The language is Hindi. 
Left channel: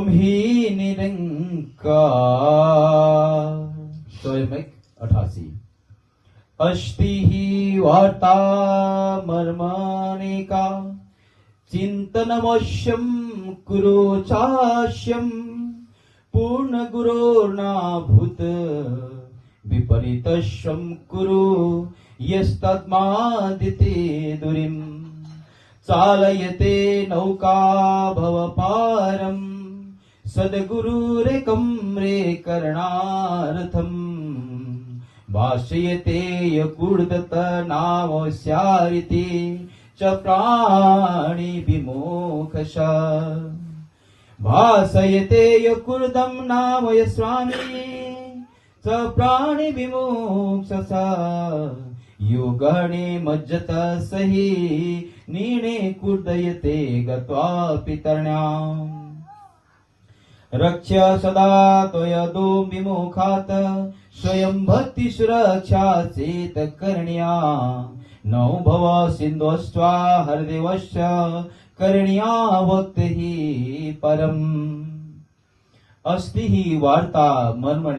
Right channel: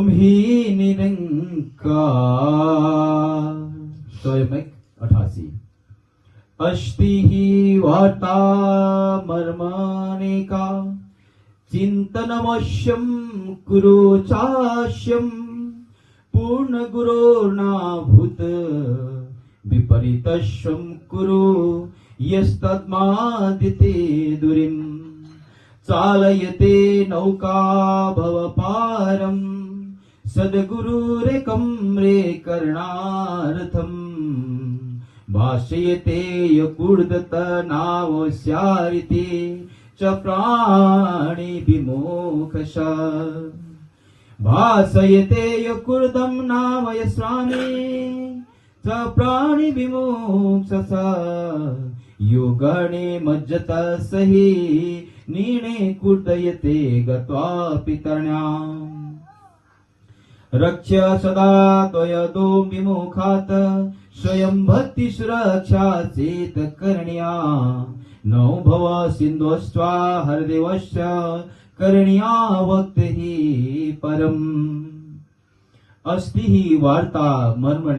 ही निरंकार। स्वयं 88। अस्ति ही वार्ता मर्मानेका चिंतनमवश्यं कुरु चाश्यं पूर्ण गुरोर्नाभूत विपरीतश्यं कुरु यस्तद्मादिते दुरिं चालयते नौका भवपारं सद्गुरुरेकं रे करणार्थम् भाष्यते यकुर्दत नावस्यारिते च प्राणी विमोक्षश भासयते यकुर्दं नाम यस्वामी च प्राणी विमोक्षस योगणे मज्जतसहि नीणे कुर्दयते गत्वा पितर्ण्याम् रक्ष्य सदा त्वयदो विमुखात् स्वयं भक्ति सुरक्षा चेत करणीया नौ भव सिन्धुस्त्वा हरदेवश्च करणीया भक्तिः परम्। अस्ति ही वार्ता मर्म